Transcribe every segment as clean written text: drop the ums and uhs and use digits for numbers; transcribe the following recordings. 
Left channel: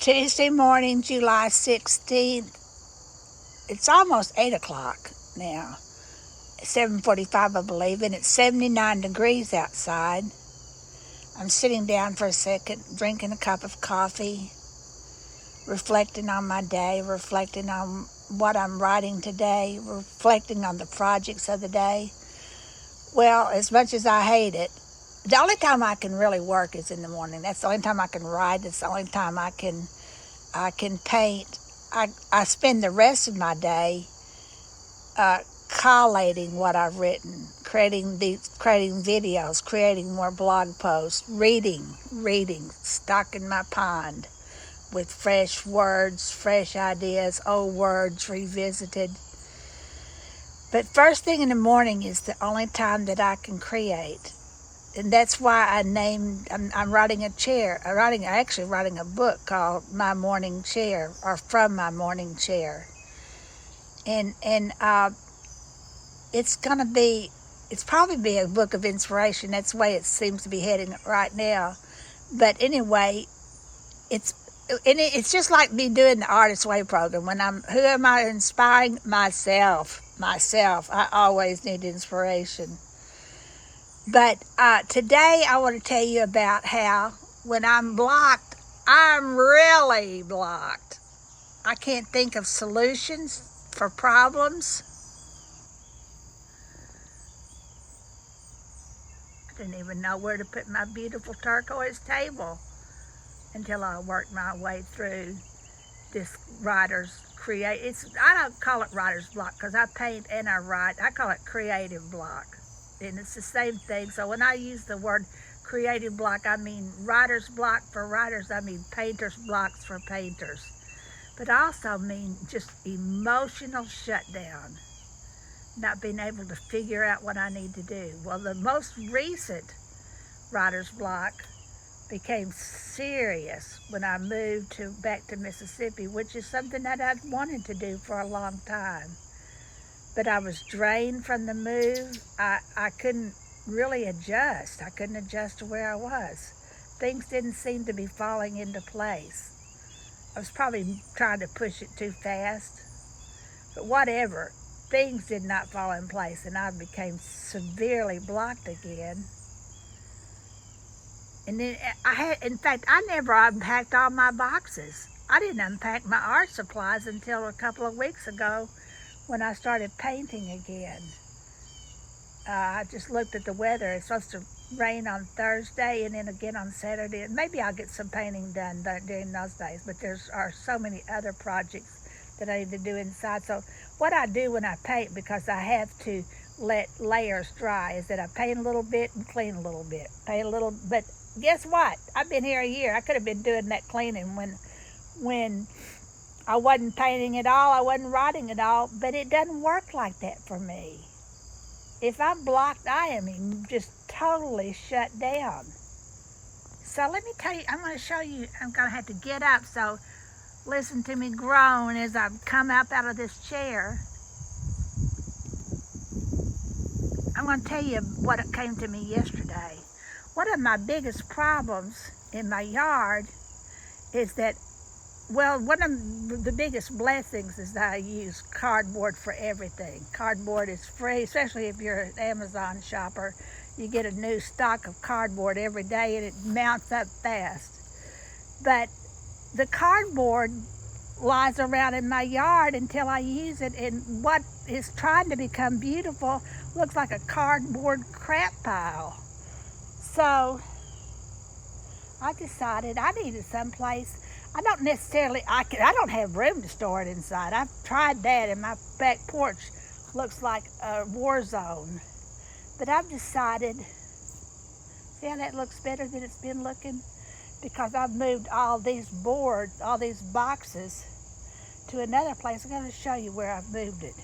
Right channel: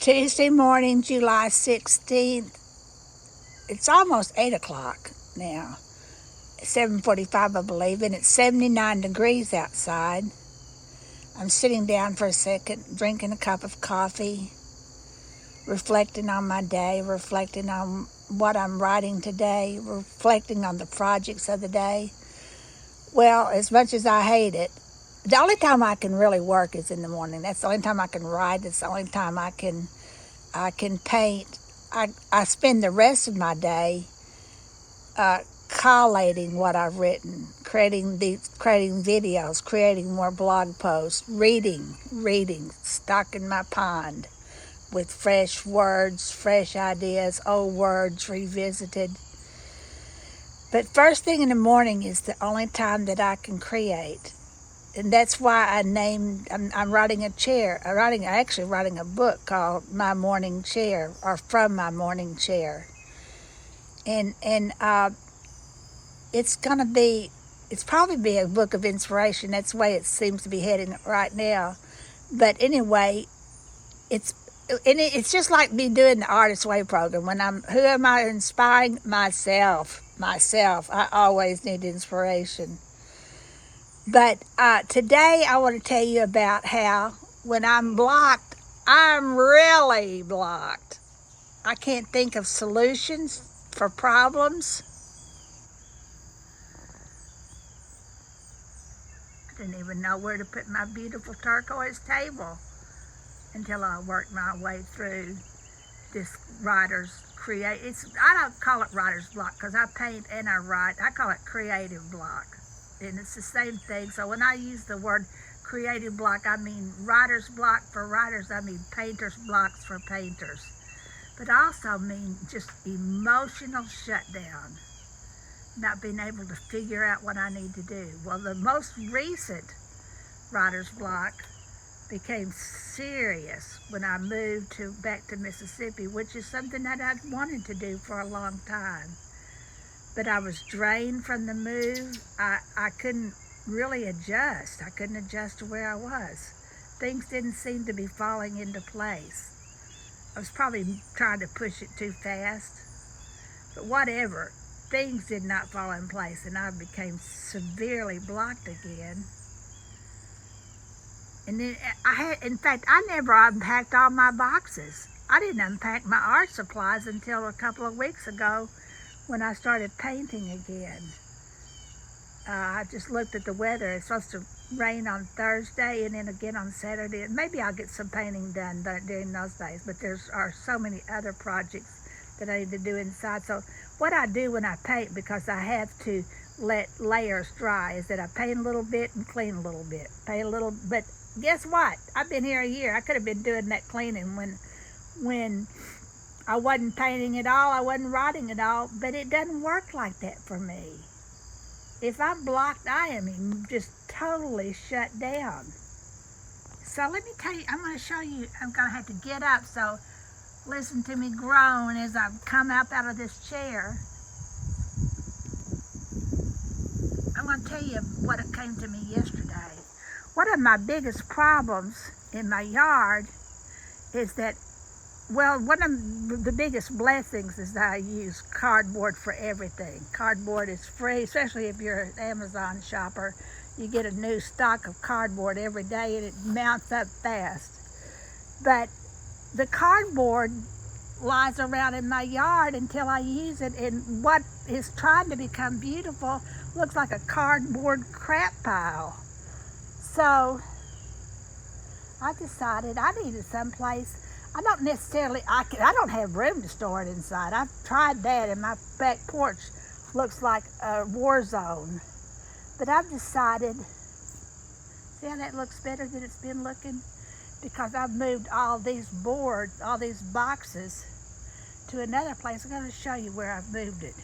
Tuesday morning, July 16th. It's almost 8 o'clock now. 7:45, I believe, and it's 79 degrees outside. I'm sitting down for a second, drinking a cup of coffee, reflecting on my day, reflecting on what I'm writing today, reflecting on the projects of the day. Well, as much as I hate it, the only time I can really work is in the morning. That's the only time I can write. That's the only time I can paint. I spend the rest of my day collating what I've written, creating videos, creating more blog posts, reading, stocking my pond with fresh words, fresh ideas, old words revisited. But first thing in the morning is the only time that I can create. And that's why I'm writing actually writing a book called My Morning Chair, or From My Morning Chair. And it's probably be a book of inspiration. That's the way it seems to be heading right now. But anyway, it's just like me doing the Artist Way program. Who am I inspiring? Myself. I always need inspiration. But today I want to tell you about how when I'm blocked, I'm really blocked. I can't think of solutions for problems. I didn't even know where to put my beautiful turquoise table until I worked my way through this I don't call it writer's block because I paint and I write. I call it creative block. And it's the same thing. So when I use the word creative block, I mean writer's block for writers. I mean painter's blocks for painters. But I also mean just emotional shutdown, not being able to figure out what I need to do. Well, the most recent writer's block became serious when I moved back to Mississippi, which is something that I've wanted to do for a long time. But I was drained from the move. I couldn't really adjust. I couldn't adjust to where I was. Things didn't seem to be falling into place. I was probably trying to push it too fast. But whatever, things did not fall in place, and I became severely blocked again. And then I never unpacked all my boxes. I didn't unpack my art supplies until a couple of weeks ago when I started painting again. I just looked at the weather. It's supposed to rain on Thursday and then again on Saturday. And maybe I'll get some painting done during those days, but there are so many other projects that I need to do inside. So what I do when I paint, because I have to let layers dry, is that I paint a little bit and clean a little bit. But guess what? I've been here a year. I could have been doing that cleaning when I wasn't painting at all, I wasn't writing at all, but it doesn't work like that for me. If I'm blocked, I am just totally shut down. So let me tell you, I'm going to show you, I'm going to have to get up, so listen to me groan as I come up out of this chair. I'm going to tell you what came to me yesterday. One of my biggest problems in my yard is that, well, one of the biggest blessings is that I use cardboard for everything. Cardboard is free, especially if you're an Amazon shopper. You get a new stock of cardboard every day and it mounts up fast. But the cardboard lies around in my yard until I use it, and what is trying to become beautiful looks like a cardboard crap pile. So I decided I needed someplace. I don't have room to store it inside. I've tried that, and my back porch looks like a war zone. But I've decided, see how that looks better than it's been looking? Because I've moved all these boards, all these boxes to another place. I'm going to show you where I've moved it.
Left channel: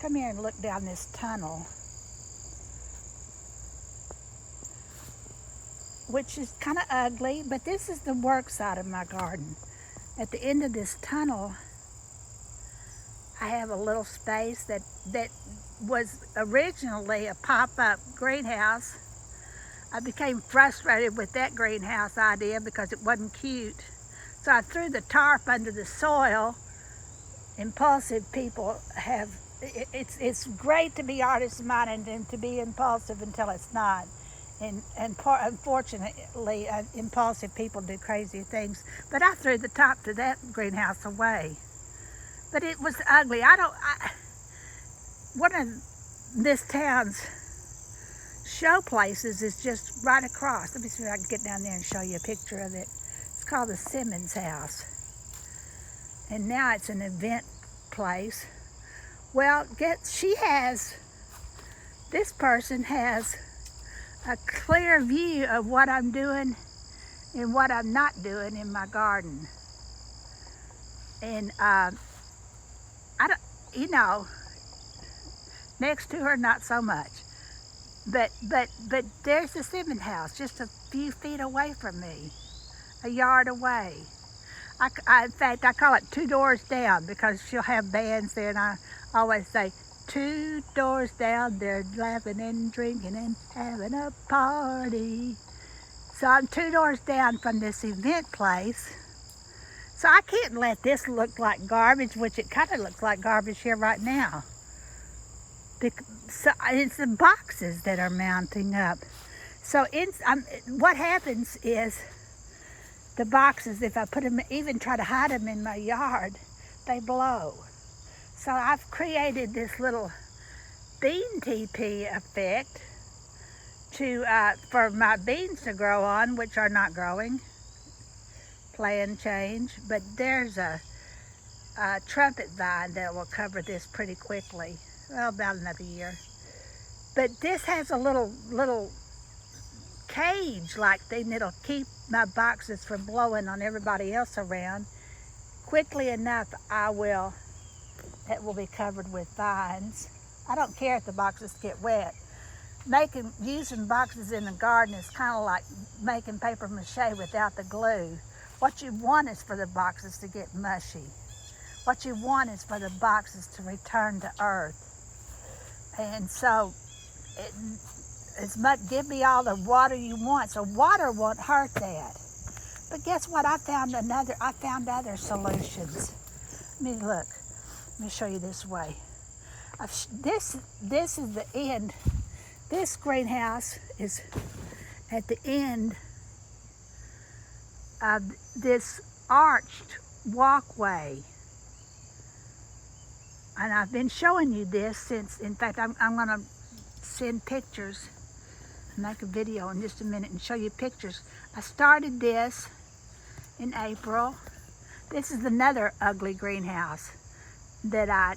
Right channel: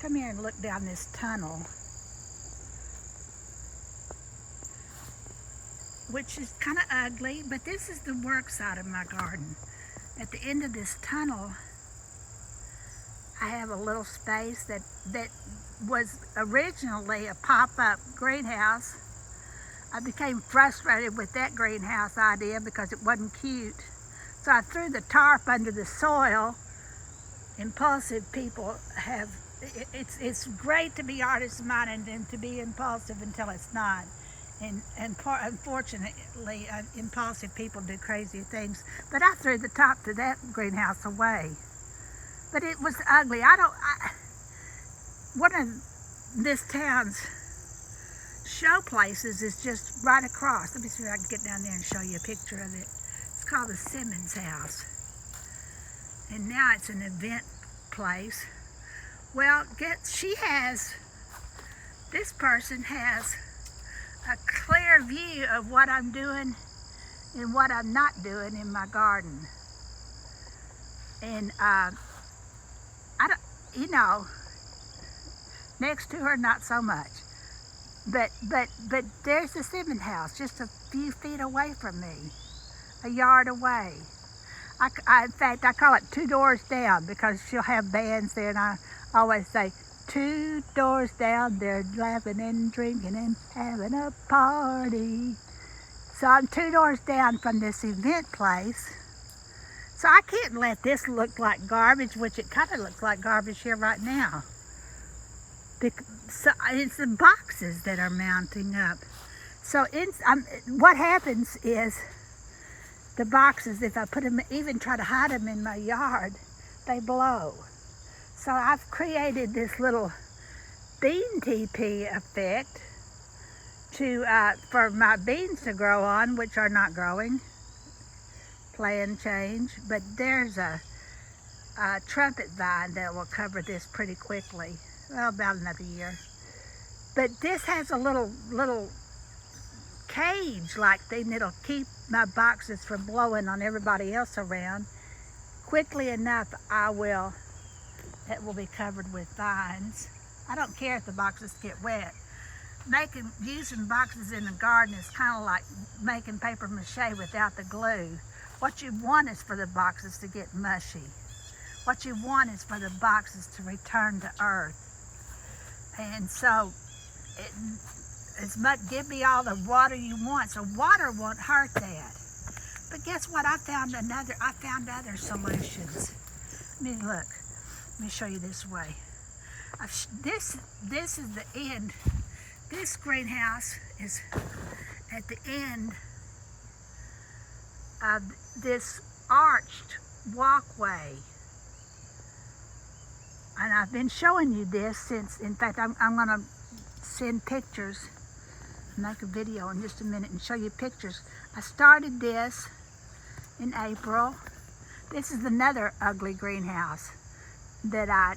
Come here and look down this tunnel, which is kind of ugly, but this is the work side of my garden. At the end of this tunnel, I have a little space that was originally a pop-up greenhouse. I became frustrated with that greenhouse idea because it wasn't cute. So I threw the tarp under the soil. Impulsive people have, it's great to be artist-minded and to be impulsive until it's not. And unfortunately, impulsive people do crazy things. But I threw the top to that greenhouse away. But it was ugly. One of this town's show places is just right across. Let me see if I can get down there and show you a picture of it. It's called the Simmons House. And now it's an event place. Well, this person has a clear view of what I'm doing and what I'm not doing in my garden. And next to her, not so much. But there's the Simmons house just a few feet away from me, a yard away. In fact, I call it 2 doors down because she'll have bands there, and I always say, 2 doors down, they're laughing and drinking and having a party. So I'm 2 doors down from this event place. So I can't let this look like garbage, which it kind of looks like garbage here right now. So it's the boxes that are mounting up. So what happens is the boxes, if I put them, even try to hide them in my yard, they blow. So I've created this little bean teepee effect for my beans to grow on, which are not growing. Plan change. But there's a trumpet vine that will cover this pretty quickly. Well, about another year. But this has a little cage-like thing that'll keep my boxes from blowing on everybody else around. Quickly enough, it will be covered with vines. I don't care if the boxes get wet. Using boxes in the garden is kind of like making paper mache without the glue. What you want is for the boxes to get mushy. What you want is for the boxes to return to earth. And so, give me all the water you want. So water won't hurt that. But guess what? I found other solutions. Let me show you this way. This is the end. This greenhouse is at the end of this arched walkway. And I've been showing you this since, in fact, I'm going to send pictures, make a video in just a minute and show you pictures. I started this in April. This is another ugly greenhouse that I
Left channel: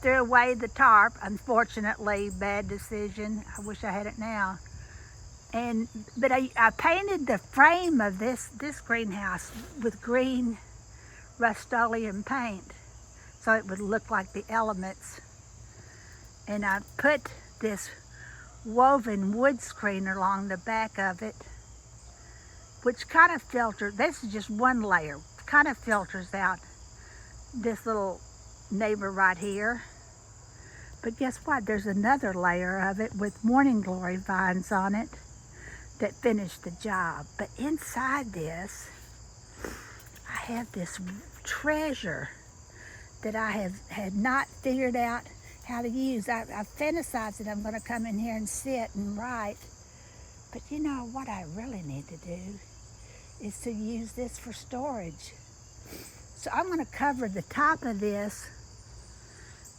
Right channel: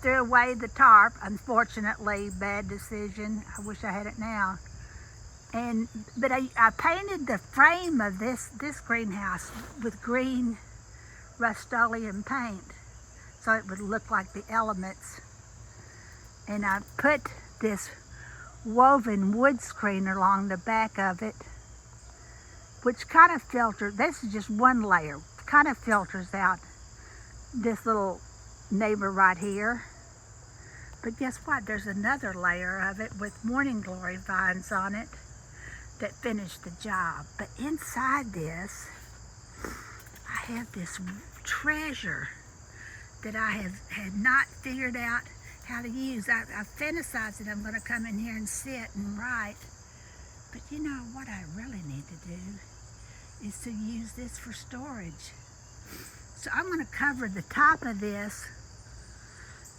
threw away the tarp. Unfortunately, bad decision. I wish I had it now. But I painted the frame of this greenhouse with green Rust-Oleum paint, so it would look like the elements. And I put this woven wood screen along the back of it, which kind of this is just one layer, kind of filters out this little neighbor right here. But guess what? There's another layer of it with morning glory vines on it that finished the job. But inside this, I have this treasure that I had not figured out how to use. I fantasized that I'm going to come in here and sit and write. But you know what I really need to do is to use this for storage. So I'm going to cover the top of this,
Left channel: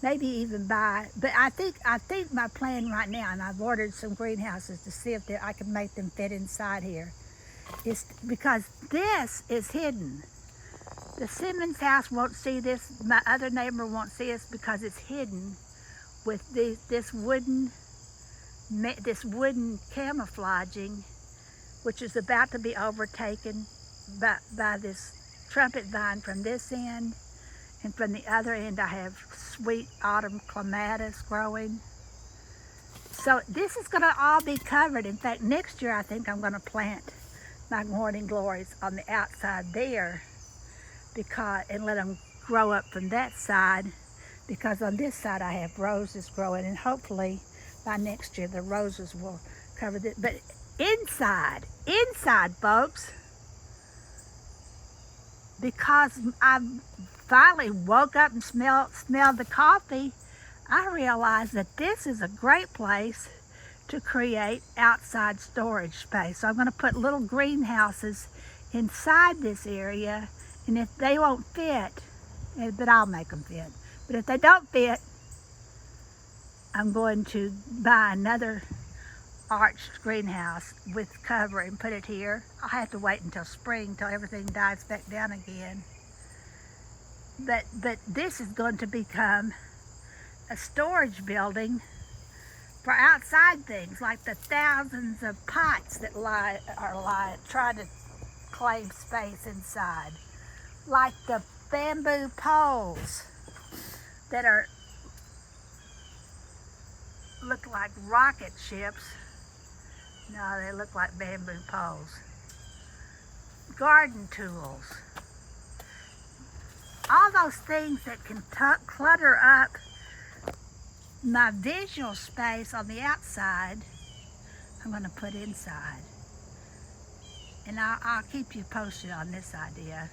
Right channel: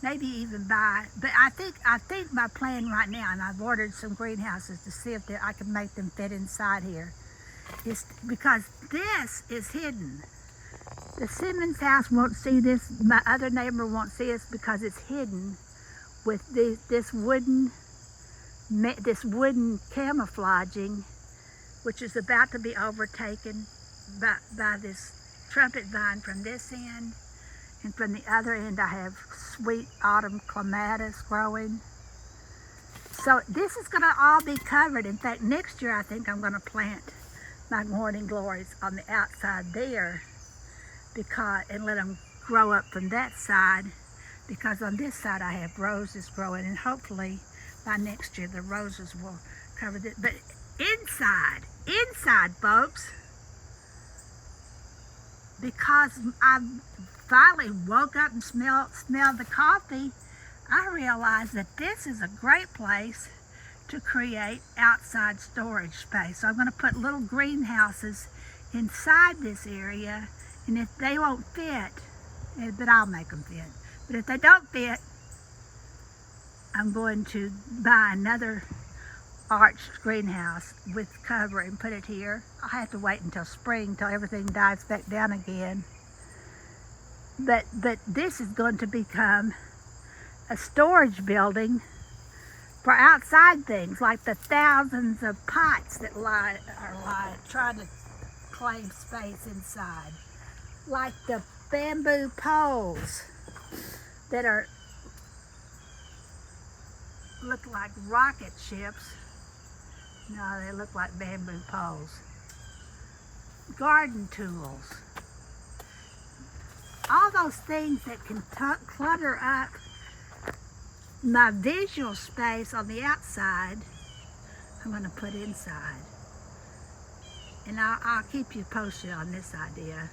maybe even but I think my plan right now, and I've ordered some greenhouses to see if I can make them fit inside here, is because this is hidden. The Simmons house won't see this. My other neighbor won't see us because it's hidden with this wooden camouflaging, which is about to be overtaken by this trumpet vine from this end, and from the other end I have sweet autumn clematis growing. So this is going to all be covered. In fact, next year I think I'm going to plant my morning glories on the outside there, and let them grow up from that side, because on this side I have roses growing, and hopefully by next year the roses will cover this. But inside folks, because I finally woke up and smelled the coffee, I realized that this is a great place to create outside storage space. So I'm going to put little greenhouses inside this area, and if they won't fit, but I'll make them fit. But if they don't fit, I'm going to buy another arched greenhouse with cover and put it here. I'll have to wait until spring, till everything dies back down again. But this is going to become a storage building for outside things, like the thousands of pots that are trying to claim space inside, like the bamboo poles that look like rocket ships. No, they look like bamboo poles. Garden tools. All those things that can clutter up my visual space on the outside, I'm going to put inside. And I'll keep you posted on this idea.